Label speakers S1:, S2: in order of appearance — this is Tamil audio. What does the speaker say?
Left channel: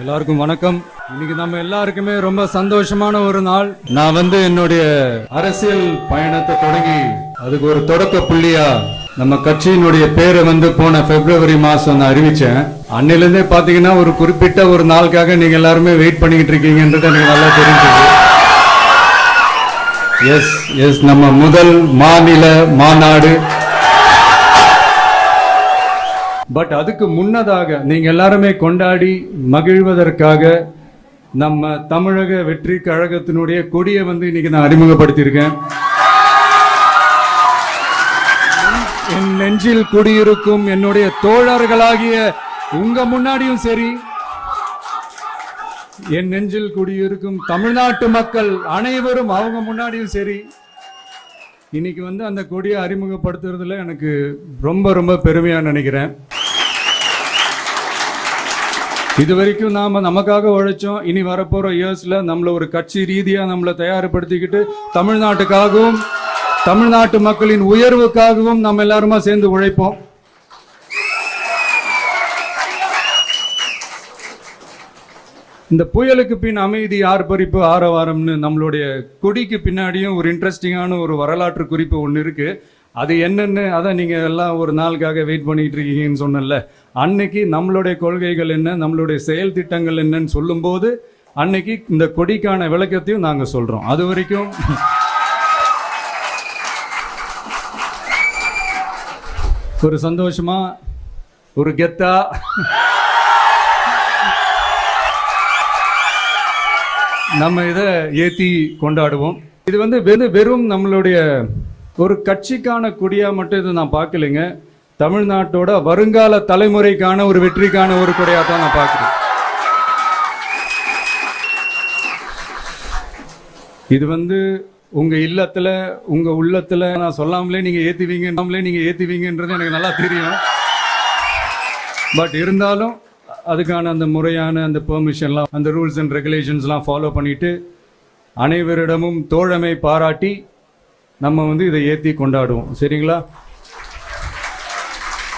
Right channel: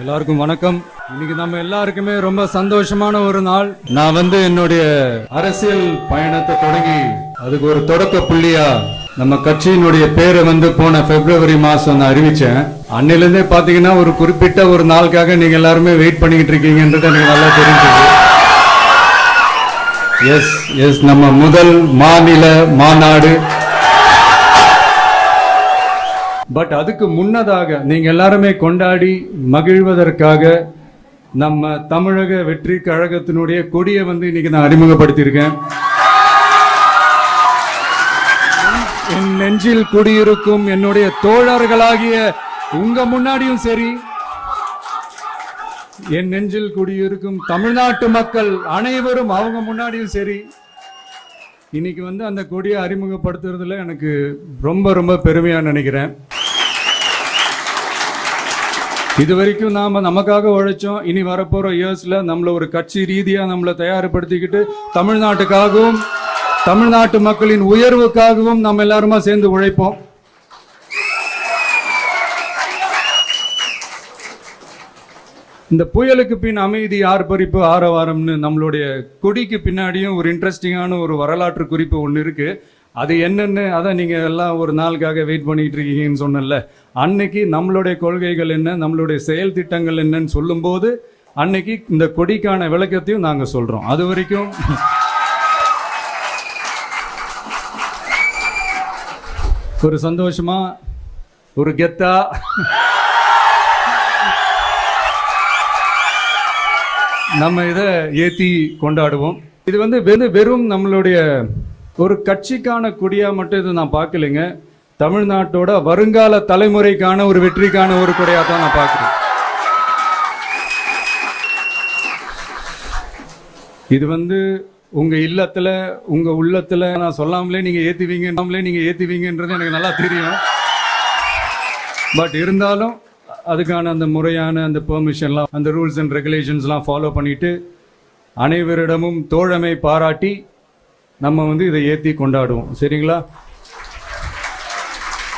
S1: எல்லாருக்கும் வணக்கம். இன்னைக்கு நம்ம எல்லாருக்குமே ரொம்ப சந்தோஷமான ஒரு நாள். நான் வந்து என்னுடைய அரசியல் பயணத்தை தொடங்கி அதுக்கு ஒரு தொடக்க புள்ளியா நம்ம கட்சியினுடைய பேரை வந்து போன பிப்ரவரி மாசம் நான் அறிவிச்சேன். அன்னிலிருந்தே பாத்தீங்கன்னா ஒரு குறிப்பிட்ட ஒரு நாளுக்காக நீங்க எல்லாருமே வெயிட் பண்ணிக்கிட்டு இருக்கீங்கன்றது எனக்கு நல்லா தெரிஞ்சது. எஸ் எஸ் நம்ம முதல் மாநில மாநாடு பட் அதுக்கு முன்னதாக நீங்கள் எல்லாருமே கொண்டாடி மகிழ்வதற்காக நம்ம தமிழக வெற்றி கழகத்தினுடைய கொடியை வந்து இன்னைக்கு நான் அறிமுகப்படுத்தியிருக்கேன். என் நெஞ்சில் குடியிருக்கும் என்னுடைய தோழர்களாகிய உங்க முன்னாடியும் சரி என் நெஞ்சில் குடியிருக்கும் தமிழ்நாட்டு மக்கள் அனைவரும் அவங்க முன்னாடியும் சரி இன்னைக்கு வந்து அந்த கொடியை அறிமுகப்படுத்துறதுல எனக்கு ரொம்ப ரொம்ப பெருமையா நினைக்கிறேன். இது வரைக்கும் நாம நமக்காக உழைச்சோம். இனி வரப்போற இயர்ஸ்ல நம்மள ஒரு கட்சி ரீதியா நம்மளை தயார்படுத்திக்கிட்டு தமிழ்நாட்டுக்காகவும் தமிழ்நாட்டு மக்களின் உயர்வுக்காகவும் நம்ம எல்லாருமா சேர்ந்து உழைப்போம். இந்த புயலுக்கு பின் அமைதி ஆர்ப்பரிப்பு ஆரவாரம்னு நம்மளுடைய கொடிக்கு பின்னாடியும் ஒரு இன்ட்ரெஸ்டிங்கான ஒரு வரலாற்று குறிப்பு ஒன்று இருக்கு. அது என்னன்னு அதை நீங்க எல்லாம் ஒரு நாளுக்காக வெயிட் பண்ணிட்டு இருக்கீங்கன்னு சொன்னல அன்னைக்கு நம்மளுடைய கொள்கைகள் என்ன நம்மளுடைய செயல் திட்டங்கள் என்னன்னு சொல்லும்போது அன்னைக்கு இந்த கொடிக்கான விளக்கத்தையும் நாங்க சொல்றோம். அது வரைக்கும் ஒரு சந்தோஷமா ஒரு கெத்தா? நம்ம இதை ஏத்தி கொண்டாடுவோம். இது வந்து வெறும் வெறும் நம்மளுடைய ஒரு கட்சிக்கான கொடியா மட்டும் இதை நான் பார்க்கலைங்க. தமிழ்நாட்டோட வருங்கால தலைமுறைக்கான ஒரு வெற்றிக்கான ஒரு குறையாக தான் நான் பார்க்குறேன். இது வந்து உங்க இல்லத்துல உங்க உள்ளத்துல நான் சொல்லாமலே நீங்க ஏத்துவீங்க நீங்க ஏத்துவீங்கன்றது எனக்கு நல்லா தெரியும். பட் இருந்தாலும் அதுக்கான அந்த முறையான அந்த பெர்மிஷன்லாம் அந்த ரூல்ஸ் அண்ட் ரெகுலேஷன்ஸ்லாம் ஃபாலோ பண்ணிட்டு அனைவரிடமும் தோழமை பாராட்டி நம்ம வந்து இதை ஏற்றி கொண்டாடுவோம். சரிங்களா?